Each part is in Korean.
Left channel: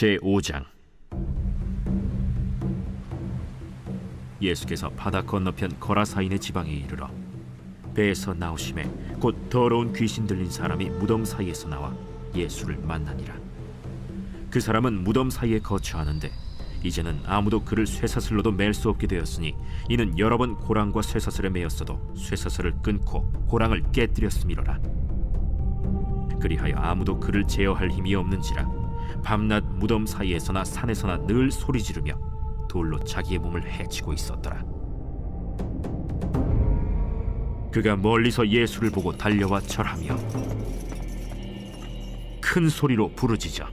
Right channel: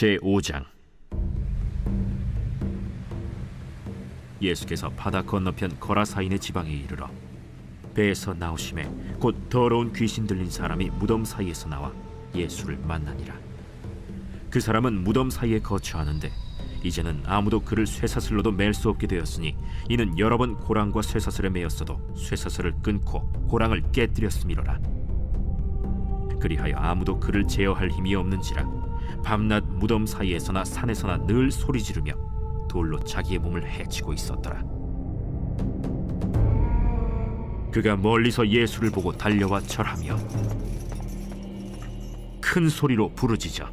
제5장. 예수께서 바다 건너편 거라사인의 지방에 이르러 배에서 나오심에 곧 더러운 귀신 들린 사람이 무덤 사이에서 나와 예수를 만나니라. 그 사람은 무덤 사이에 거처하는데 이제는 아무도 그를 쇠사슬로도 맬 수 없게 되었으니 이는 여러 번 고랑과 쇠사슬에 매였어도 쇠사슬을 끊고 고랑을 깨뜨렸음이로라. 그리하여 아무도 그를 제어할 힘이 없는지라 밤낮 무덤 사이에서나 산에서나 늘 소리 지르며 돌로 자기의 몸을 해치고 있었더라. 그가 멀리서 예수를 보고 달려와 절하며 큰 소리로 부르짖어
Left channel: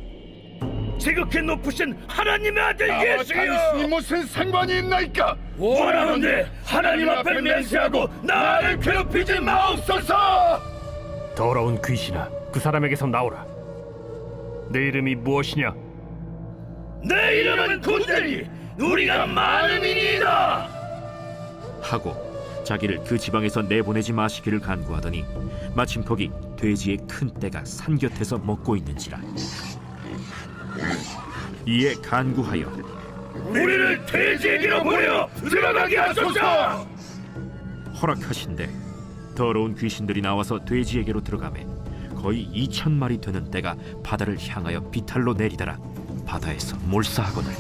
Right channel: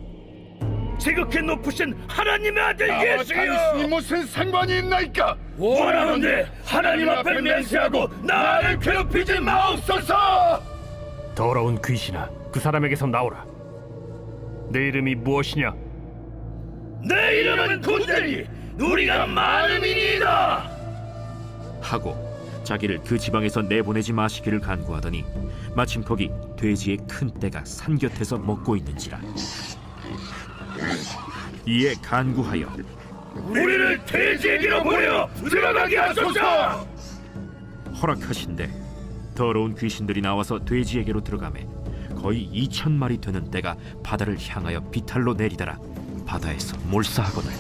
지극히 높으신 하나님의 아들 예수여, 당신이 무슨 상관이 있나이까? 원하건대 하나님 앞에 맹세하고 나를 괴롭히지 마옵소서. 더러운 귀신아, 그 사람에게서 나오라. 내 이름이 무엇이냐? 내 이름은 군대니 우리가 많음이니이다 하고 자기를 그 지방에서 내보내지 마시기를 간구하더니 마침 거기 돼지의 큰 떼가 산 곁에서 먹고 있는지라. 이에 간구하여 우리를 돼지에게로 보내어 들어가게 하소서. 허락하신대 더러운 귀신들이 나와서 돼지에게로 들어가매 거의 2,000마리 되는 떼가 바다를 향하여 비탈로 내리다라 바다에서 몰사하거늘.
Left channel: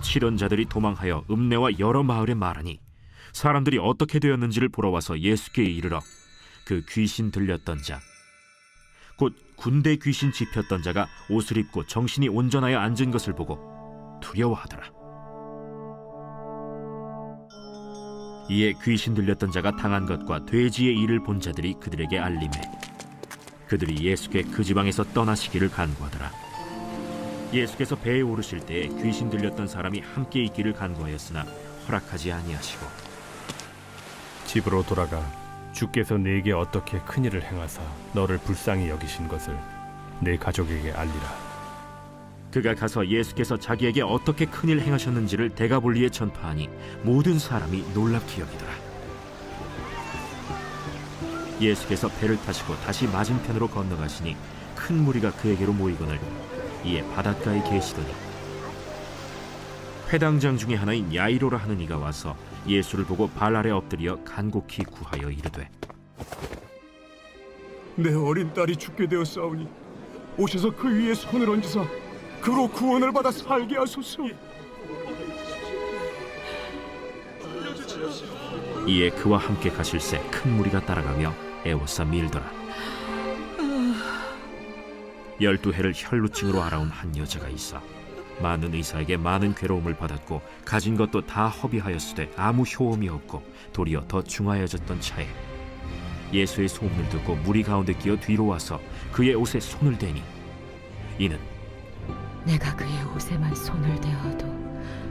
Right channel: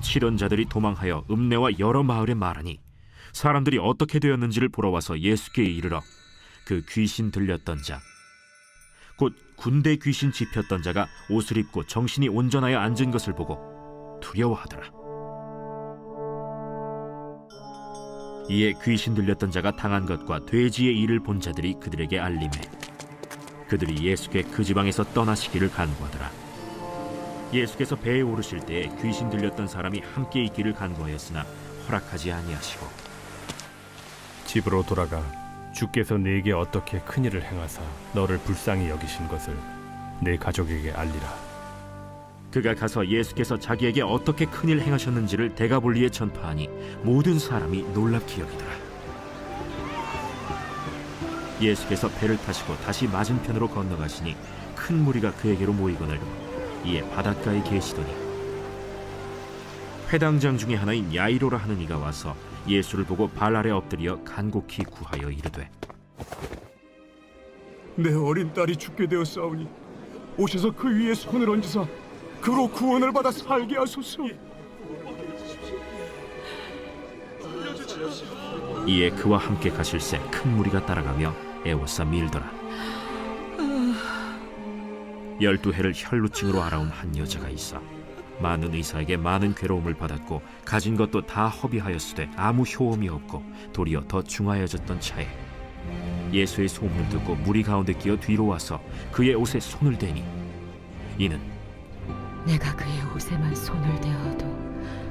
칠언자들이 도망하여 읍내와 여러 마을에 말하니 사람들이 어떻게 되었는지를 보러 와서 예수께 이르러 그 귀신 들렸던 자 곧 군대 귀신 집혔던 자가 옷을 입고 정신이 온전하여 앉은 것을 보고 두려워하더라. 이에 귀신 들렸던 자가 당한 것과 돼지의 일을 본 자들이 그들에게 알림해 그들이 예수께 그 지방에서 떠나시기를 간구하더라. 예수께서 배에 오르실 때에 귀신 들렸던 사람이 함께 있기를 간구하였으나 허락하지 아니하시고 집으로 돌아가 주께서 네게 어떻게 큰일을 행하사 너를 불쌍히 여기신 것을 네 가족에게 알리라. 그가 가서 예수께서 자기에게 어떻게 큰일 행하셨는지를 데가볼리에 전파하니 모든 사람이 놀랍게 여기더라. 예수께서 배를 타시고 다시 맞은편으로 건너가시니 큰 무리가 그에게로 모이거늘 이에 바닷가에 계시더니 회당장 중에 하나인 야이로라 하는 이가 와서 예수를 보고 발 아래 엎드려 간곡히 구하여 이르되 내 어린 딸이 죽게 되었사오니 오셔서 그 위에 손을 얹으사 그로 구원을 받아 살게 하소서. 이에 그와 함께 가실새 큰 무리가 따라가며 애워싸 밀더라. 12해를 혈루증으로 앓아온 한 여자가 있어 많은 의사에게 많은 괴로움을 받았고 가진 것도 다 허비하였으되 아무 효험이 없고 도리어 더 중하여졌던 차에 예수의 소문을 듣고 무리 가운데 끼어 뒤로 와서 그의 옷에 손을 대니 이는 내가 그의 옷에만 손을 대어도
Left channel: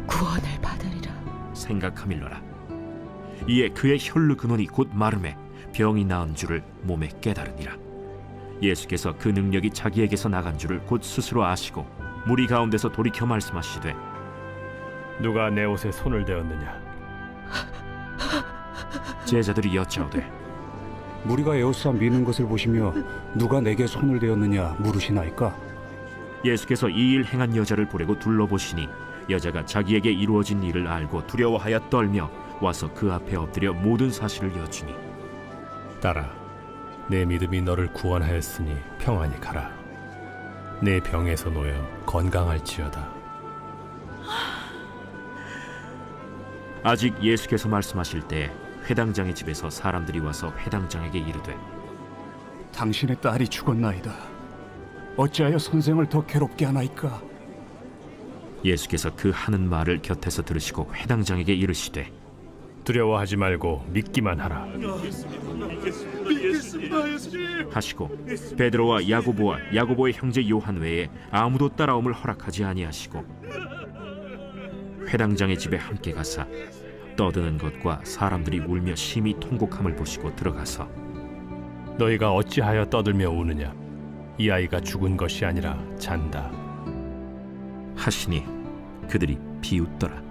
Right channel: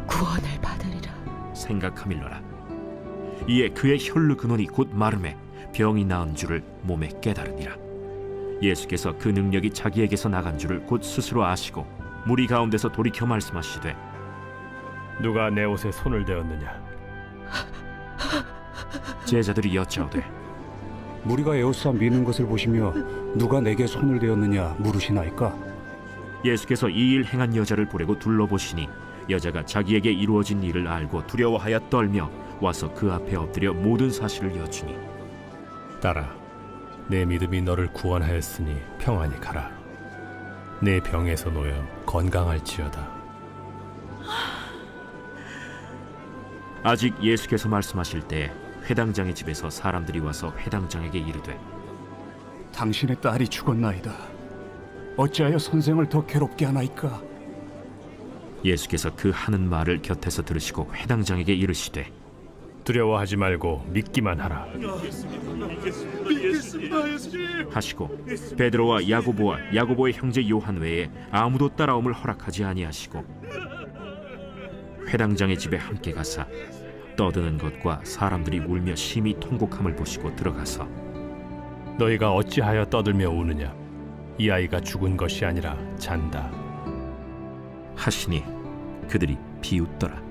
구원을 받으리라 생각하밀러라. 이에 그의 혈루 근원이 곧 마름에 병이 나은 줄을 몸에 깨달으니라. 예수께서 그 능력이 자기에게서 나간 줄을 곧 스스로 아시고 무리 가운데서 돌이켜 말씀하시되 누가 내 옷에 손을 대었느냐? 제자들이 여짜오되 무리가 에워싸 미는 것을 보시며 누가 내게 손을 대었느냐 물으시나이까? 예수께서 이 일 행한 여자를 보려고 둘러보시니 여자가 자기에게 이루어진 일을 알고 두려워하여 떨며 와서 그 앞에 엎드려 모든 사실을 여쭈니 딸아, 내 믿음이 너를 구원하였으니 평안히 가라. 내 병에서 놓여 건강할지어다. 아직 예수께서 말씀하실 때 회당장의 집에서 사람들이 와서 회당장에게 이르되 당신의 딸이 죽었나이다. 어찌하여 선생을 더 괴롭게 하나이까? 예수께서 그 하는 말을 곁에서 들으시고 회당장에게 이르시되 두려워하지 말고 믿기만 하라. 하시고 베드로와 야고보와 야고보의 형제 요한 외에 아무도 따라옴을 허락하지 아니하시고 회당장의 집에 함께 가사 떠드는 것과 사람들이 울며 심히 통곡함을 보시고 들어가서 너희가 어찌하여 떠들며 우느냐? 이 아이가 죽은 것이 아니라 잔다. 하시니 그들이 비웃더라.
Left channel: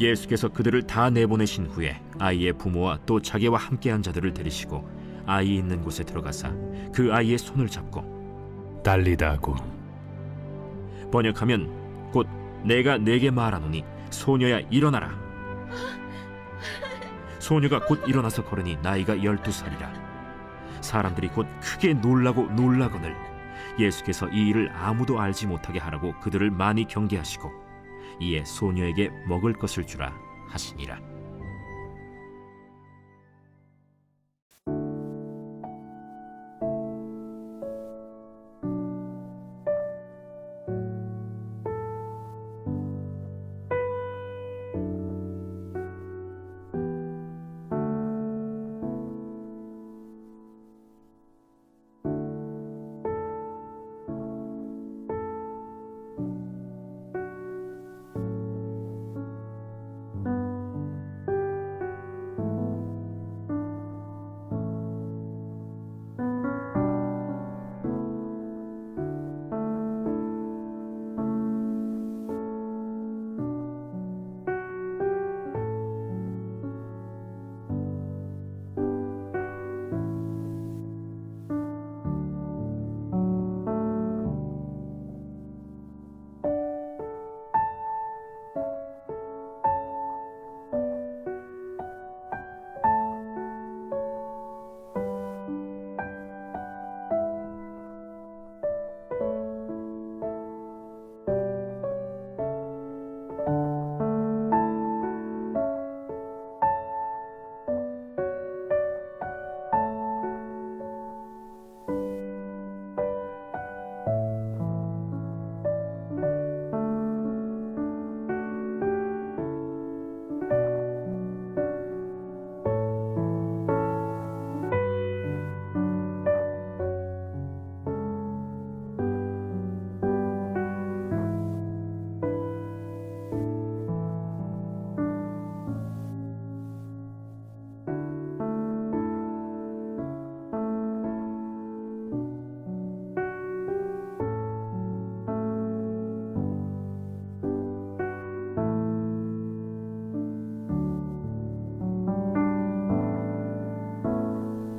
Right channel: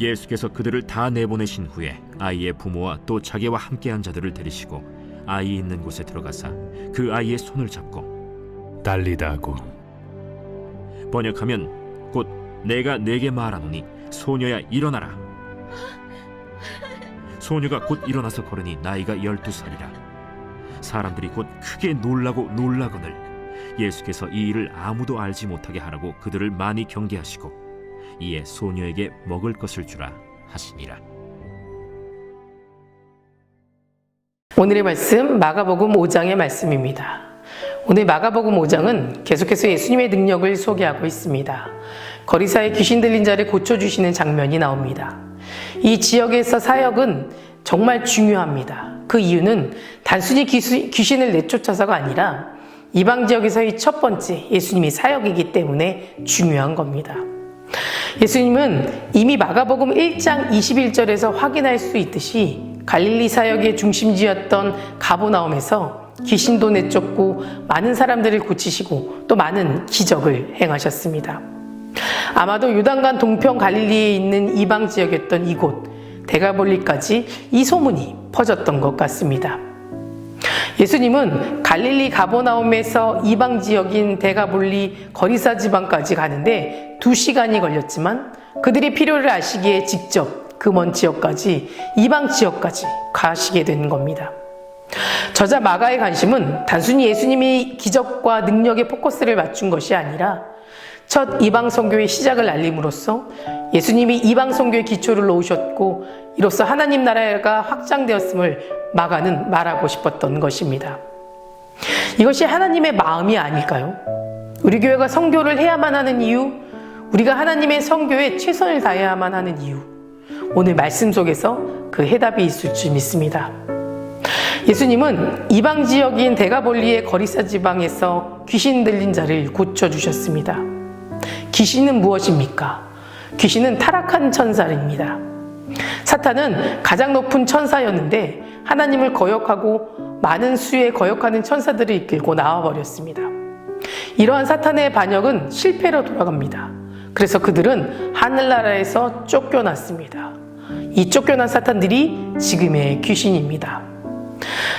예수께서 그들을 다 내보내신 후에 아이의 부모와 또 자기와 함께한 자들을 데리시고 아이 있는 곳에 들어가사 그 아이의 손을 잡고 달리다고 번역하면 곧 내가 네게 말하노니 소녀야 일어나라. 소녀가 곧 일어나서 걸으니 나이가 12살이라. 사람들이 곧 크게 놀라거늘 예수께서 이 일을 아무도 알지 못하게 하라고 그들을 많이 경계하시고 이에 소녀에게 먹을 것을 주라 하시니라. 오늘의 말씀 마가복음 5장의 말씀입니다. 오늘 마가복음 5장은 계속해서 예수님의 능력을 소개하고 있습니다. 거리사의 귀신 들린 자를 고쳐주시는 장면이 나옵니다. 이 지역에서 사역은 정말 중요합니다. 그 이유는 단순히 귀신을 내쫓아서가 아니라 이방 지역에서의 첫 번째 예수님이 사역이기 때문에 중요한 겁니다. 예수님은 이미 마가복음 1장 21절에서 확인할 수 있듯이 갈릴리 사역의 중심지였던 가버나움에서 귀신도 내쫓고 많은 사람들을 고치시고 또 많은 기적을 행하셨습니다. 아마도 요단강 동편 갈릴리에 있는 이방 지역이었던 이곳 데가볼리까지 이 소문이 퍼졌던 것 같습니다. 예수님은 갈릴리 가버나움에서 이방 지역인 데가볼리 거리사 지방까지 가는데 2시간이 걸렸지만 그들의 필요를 아시기에 직접 그 먼 지역까지 이방 지역까지 가시게 된 겁니다. 저자 마가의 관심은 단순히 예수님이 기적과 능력에 포커스를 맞춘 것이 아니라 첫 이방 선교의 시작을 알림으로써 예수님이 이방 선교의 기초를 놓으셨고 이로써 하나님 나라가 확장되었음을 마가는 말하고 싶었던 것입니다. 이것이 하나님의 마음이 아닐까요? 우리 교회가 선교를 해야만 하는 이유, 우리가 하나님의 선교에 최선을 다해야만 하는 이유, 오늘 말씀 속에서 그 해답이 있을 줄 믿습니다. 예수님은 이방 지역인 데가볼리의 거리사 지방에서 귀신 들린 자를 고쳐주셨습니다. 귀신은 무엇입니까? 귀신은 타락한 천사입니다. 사탄은 가장 높은 천사였는데 하나님을 거역하고 많은 수의 거역하는 천사들을 이끌고 나와버렸습니다. 이러한 사탄의 반역은 실패로 돌아갑니다. 그래서 그들은 하늘나라에서 쫓겨났습니다. 이 쫓겨난 사탄들이 지금의 귀신입니다.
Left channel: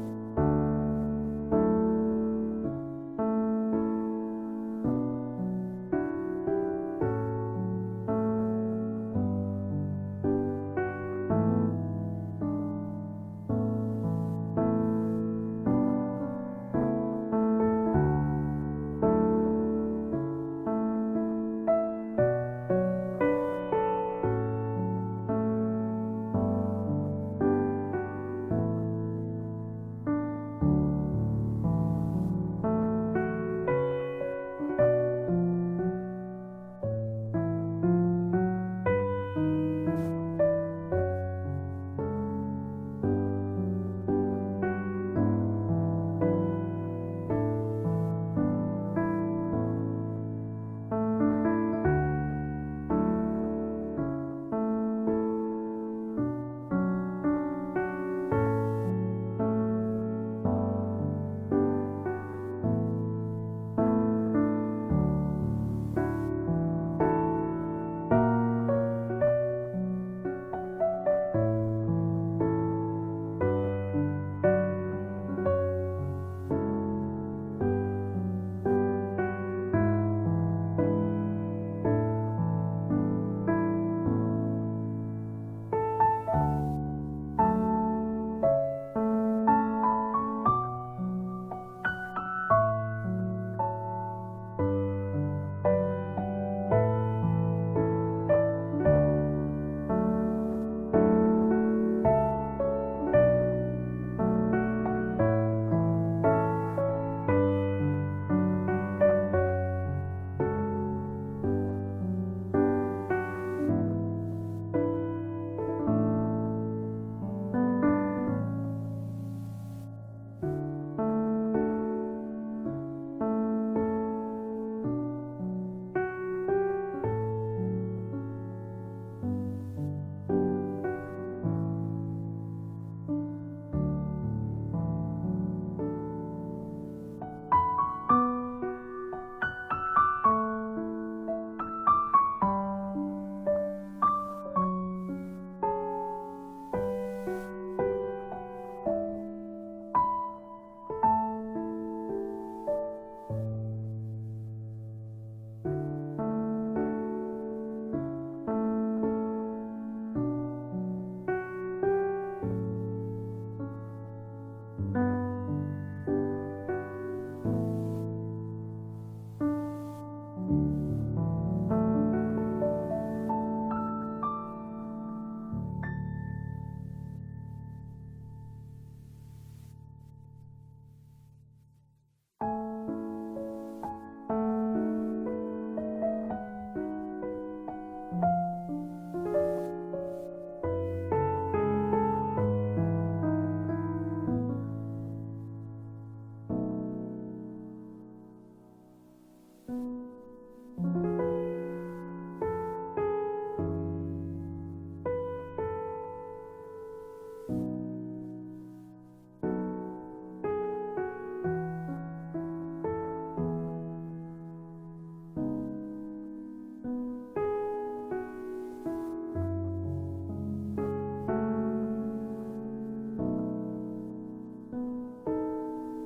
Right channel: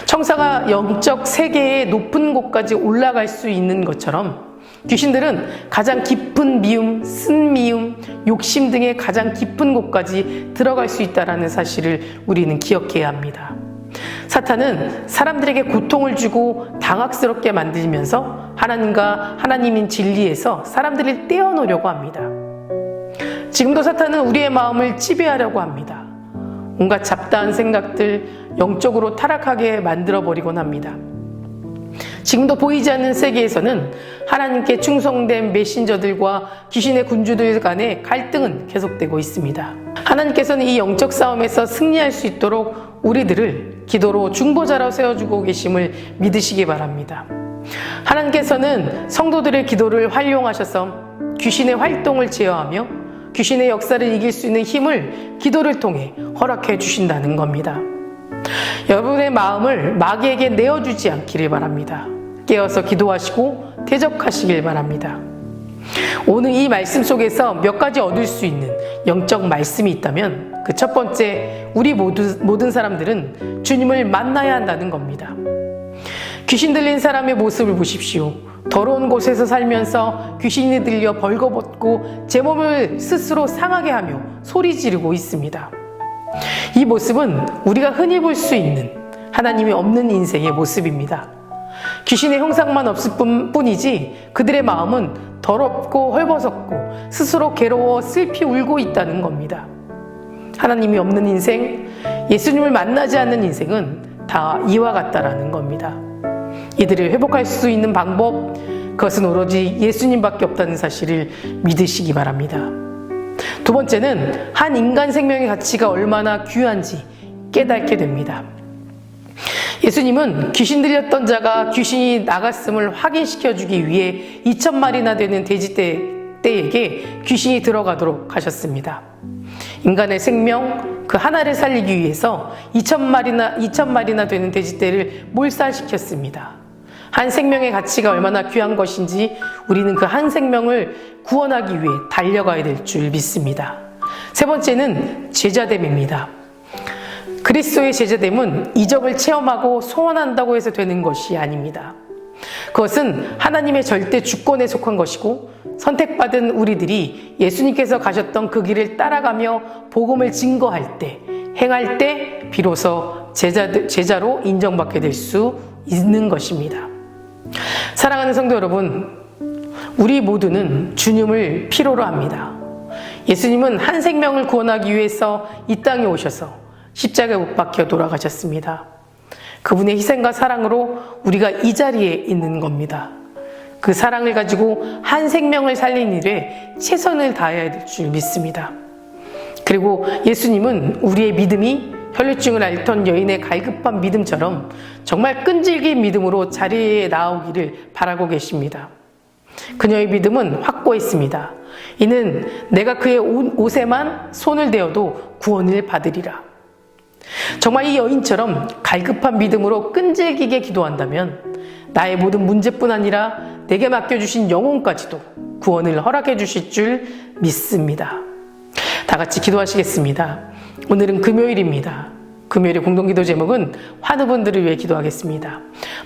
천사가 영적 세계의 높은 곳까지 올라갈 수 있는 것처럼 귀신들은 가장 깊은 미움, 쓴미움, 욕심 등의 가장 깊은 곳까지 들어갈 수 있다는 사실을 우리는 기억해야 합니다. 사탄은 사람들에게 고통을 주고 당황스럽게 만들면서 하나님과 하나님인 진리에서 사람들을 떼어놓으려고 합니다. 지금도 사탄은 우리의 마음을 지배하려고 합니다. 온갖 잡다한 생각들, 영적으로 타락하게 만들어버리곤 합니다. 지금도 보이지 않는 세계에서는 하나님께 충성된 메신저들과 귀신의 군주들 간의 갈등은 계속되고 있습니다. 하나님께서는 이 영적 싸움에서 승리할 수 있도록 우리들을 기도로 중보자로 세워주고 계심을 믿으시기 바랍니다. 하나님께서는 성도들의 기도를 활용하셔서 귀신의 활동을 제어하며 귀신의 역사를 이길 수 있는 힘을 기도를 통해 허락해 주신다는 겁니다. 여러분의 마음을 마귀에게 내어주지 않기를 바랍니다. 깨어서 기도하시고 대적하시길 바랍니다. 오늘 이 말씀 속에서 몇 가지 얻을 수 있는 영적 말씀이 있다면 그 첫 번째, 우리 모든 사람들은 주님을 만나야 한다는 겁니다. 귀신 들린 사람의 모습을 보십시오. 더러운 곳에서 살면서 귀신이 들려 벌거벗고 제 몸을 스스로 상하게 하며 소리 지르고 있습니다. 이 모습은 우리가 흔히 볼 수 있는 하나님이 없는 인생의 모습입니다. 귀신의 형상만 없을 뿐이지 그들의 마음은 더럽고 헐벗었고 스스로 괴로워 슬피 울고 있다는 겁니다. 하나님이 없는 인생, 예수님을 만나지 않는 인생은 다 이와 같다라는 겁니다. 이들을 회복할 수 있는 방법, 그것은 오로지 예수님밖에 없다는 사실을 믿으시기 바랍니다. 두 번째는 한 인간 생명의 가치가 얼마나 귀한지 깨닫게 됩니다. 예수님은 귀신 들렸던 자가 귀신이 나갔음을 확인시켜주기 위해 2,000마리나 되는 돼지떼에게 귀신이 들어가도록 하셨습니다. 인간의 생명 그 하나를 살리기 위해서 2,000마리나 되는 돼지떼를 몰살시켰습니다. 한 생명의 가치가 얼마나 귀한 것인지 우리는 그 한 생명을 구원하기 위해 달려가야 될 줄 믿습니다. 세 번째는 제자됨입니다. 그리스도의 제자됨은 이적을 체험하고 소원한다고 해서 되는 것이 아닙니다. 그것은 하나님의 절대 주권에 속한 것이고 선택받은 우리들이 예수님께서 가셨던 그 길을 따라가며 복음을 증거할 때, 행할 때 비로소 제자로 인정받게 될 수 있는 것입니다. 사랑하는 성도 여러분, 우리 모두는 주님을 필요로 합니다. 예수님은 한 생명을 구원하기 위해서 이 땅에 오셔서 십자가에 못 박혀 돌아가셨습니다. 그분의 희생과 사랑으로 우리가 이 자리에 있는 겁니다. 그 사랑을 가지고 한 생명을 살린 일에 최선을 다해야 될 줄 믿습니다. 그리고 예수님은 우리의 믿음이 혈류증을 앓던 여인의 갈급한 믿음처럼 정말 끈질긴 믿음으로 자리에 나오기를 바라고 계십니다. 그녀의 믿음은 확고했습니다. 이는 내가 그의 옷에만 손을 대어도 구원을 받으리라. 정말 이 여인처럼 갈급한 믿음으로 끈질기게 기도한다면 나의 모든 문제뿐 아니라 내게 맡겨주신 영혼까지도 구원을 허락해 주실 줄 믿습니다. 다 같이 기도하시겠습니다. 오늘은 금요일입니다. 금요일의 공동기도 제목은 환우분들을 위해 기도하겠습니다.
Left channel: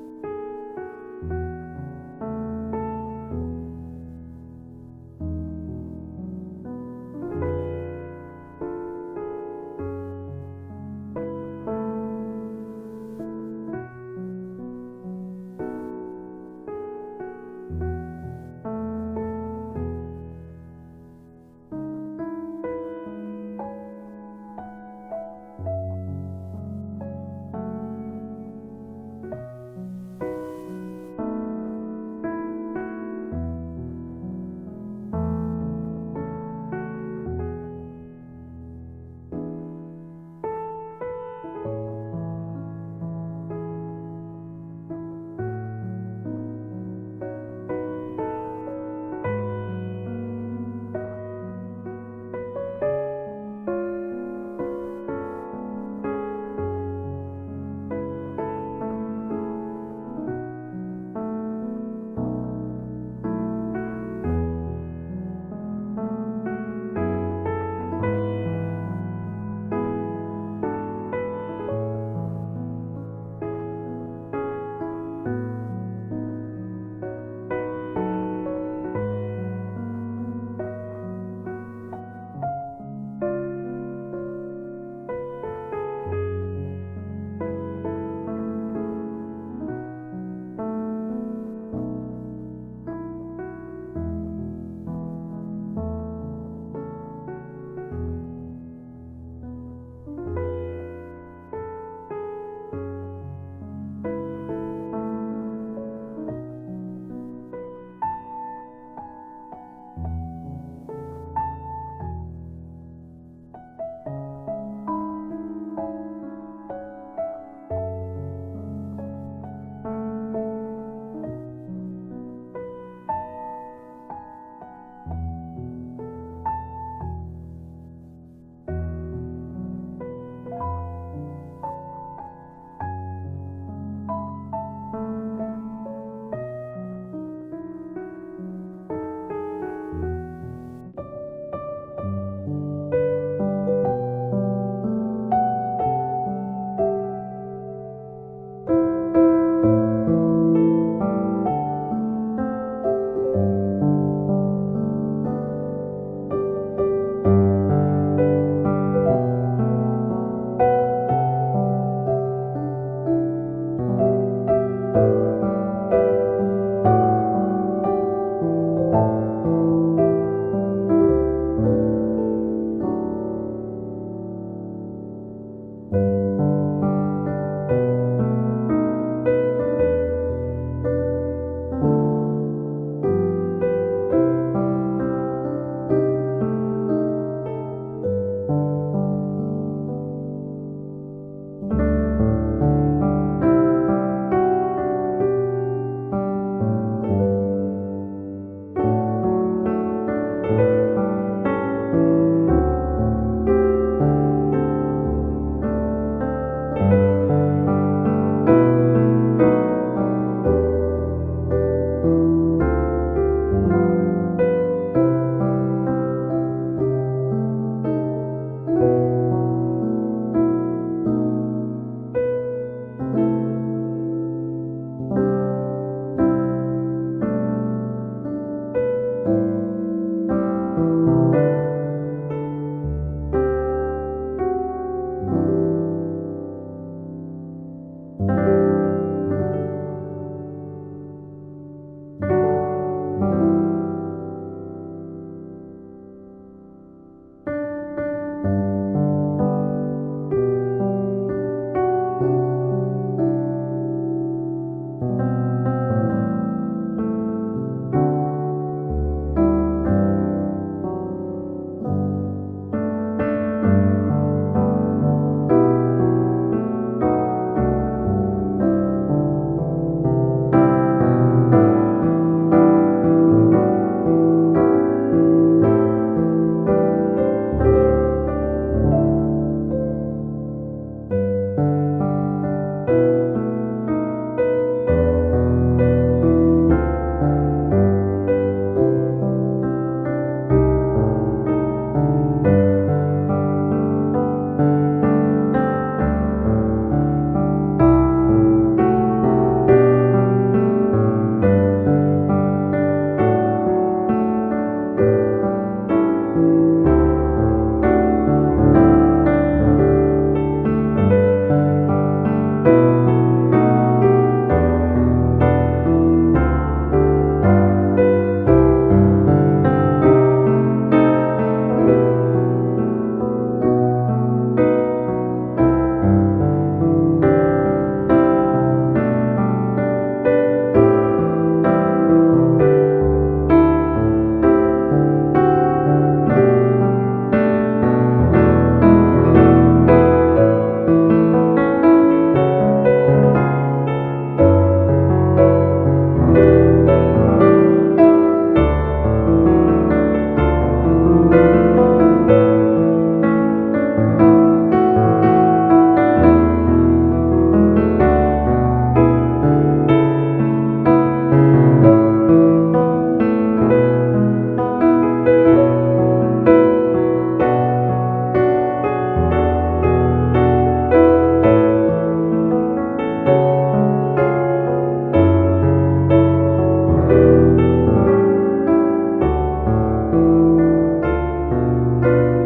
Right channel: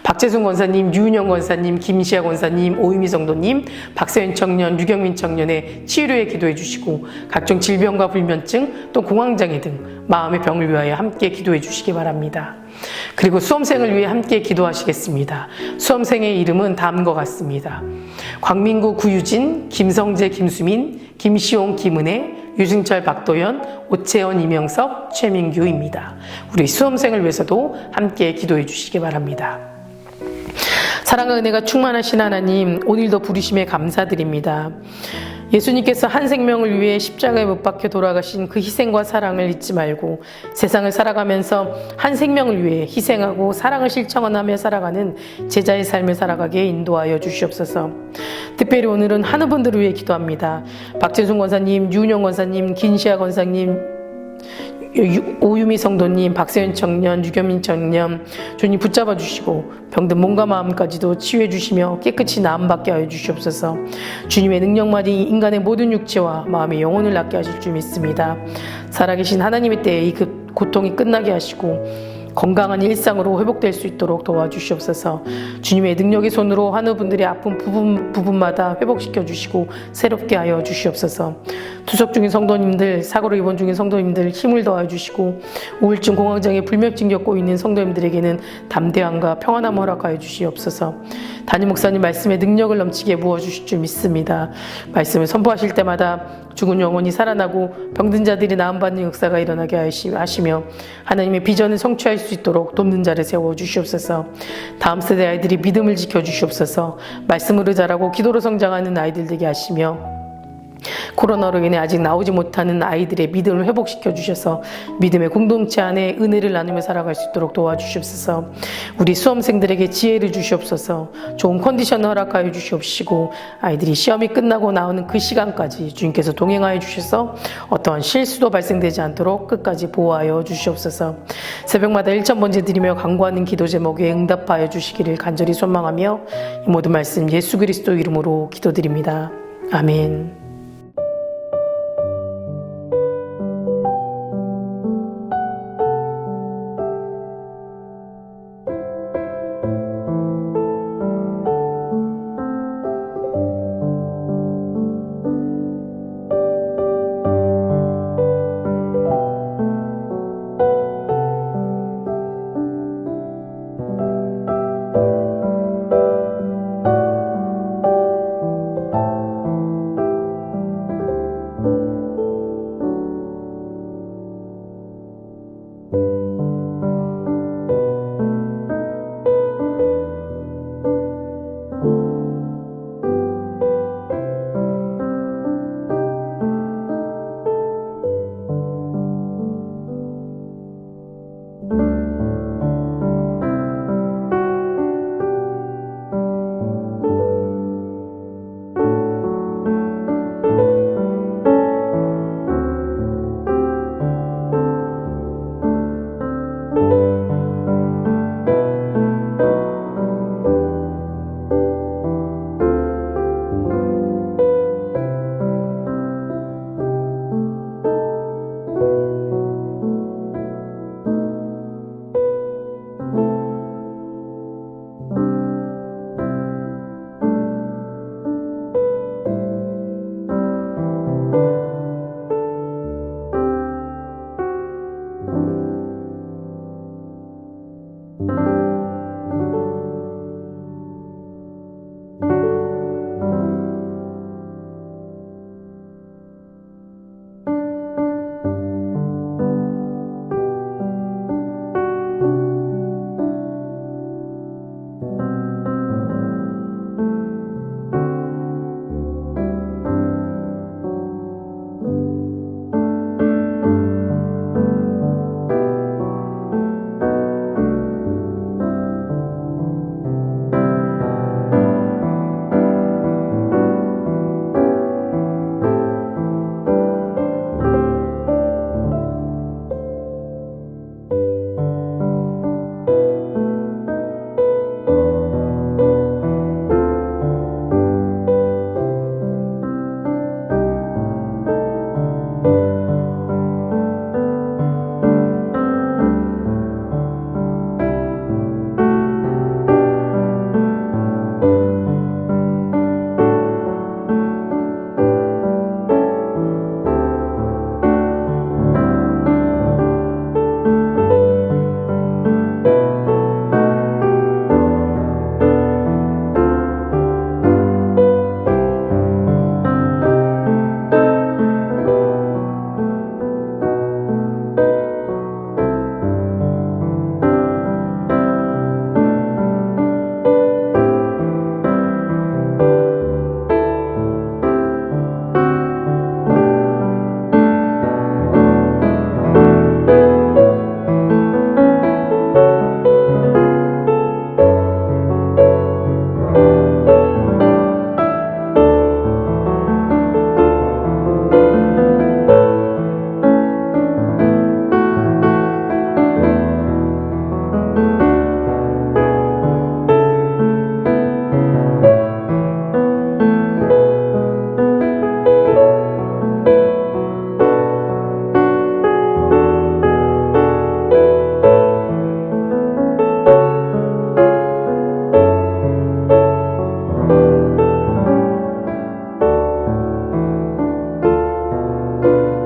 박재순 권사님, 유은영 권사님, 김시아 권사님, 오유미 성도님, 박세현 청년, 유경민 청년의 치유를 위해 기도해 주시고 각종 질병과 불면증 또 공황장애 등 마음의 병을 위하여 함께 기도해 주시기 바랍니다. 그리고 수험생을 위해 함께 기도하시겠습니다. 수험생의 이름은 다음과 같습니다. 광민구 구유진, 김성재 김수민, 김시용 김은혜, 유승철 박도연, 오채원 이명석, 최민규입니다. 우리 수험생을 위해서도 함께 기도해 주시기 바랍니다. 사랑과 은혜가 충만하신 하나님, 오늘도 부르심에 감사드립니다. 예수님께서 한 생명을 위해 십자가에 못 박혀 돌아가신 그 희생과 사랑을 잊지 말고 세상을 살아가면서 한 생명을 위해 희생하고 사랑을 실천하며 살아가는 제자의 삶을 살아가게 인도하여 주시옵소서. 특별히 오늘은 한우분들을 위해 기도합니다. 박재순 권사님, 유은영 권사님, 김시아 권사님, 오유미 성도님, 박세현 청년, 유경민 청년, 주님 붙잡아 주시고 병든 몸과 마음까지도 치유해 주시며 깨끗이 나음받게 하여 주시옵소서. 주님의 능력만이 인간의 모든 육체와 마음의 영혼을 낫게 하실 줄 믿습니다. 살아계신 하나님의 때에 이 고통이 끝나게 하시고 건강한 일상으로 회복될 수 있도록 도와주시옵소서. 주님의 능력의 손으로 환우분들의 아픈 부분마다 회복시켜 주시고 새롭게 하여 주시옵소서. 투석 중인 성도님들, 사고로 입원 중인 성도님들 힘을 더하여 주시고 우울증, 공황장애, 불면증 겪고 있는 성도님들에게는 담대함과 평안함을 허락하여 주시옵소서. 담임 목사님 말씀에 능력을 넘치게 부어주실 줄 믿습니다. 말씀을 선포하실 때마다 죽은 영혼이 살아나고 병든 자들이 나음받는 역사가 일어나게 하시며 하나님의 비전을 성취할 수 있도록 돕는 자를 세워주시옵소서. 다음 세대 아이들이 믿음을 지켜주시옵소서. 말씀으로 자라고 기도로 성장하는 아이들 되게 하시며 코로나로 인해 아직 나오지 못하는 아이들의 믿음을 회복시켜 주셔서 믿음의 공동체 안에 은혜를 나누며 살아갈 수 있도록 도와주시옵소서. 우리 수험생들에게 지혜를 주시옵소서. 좋은 컨디션을 허락하여 주시옵시고 아이들이 시험이 끝나고 나오는 그 시간까지 주님께서 동행하여 주셔서 어떠한 실수도 발생되지 않도록 끝까지 보호하여 주시옵소서. 새벽마다 1,000번째 드리며 간구하는 기도 제목에 응답하여 주시기를 간절히 소망하며 이 모든 말씀 예수 그리스도 이름으로 기도드립니다. 아멘. 아멘.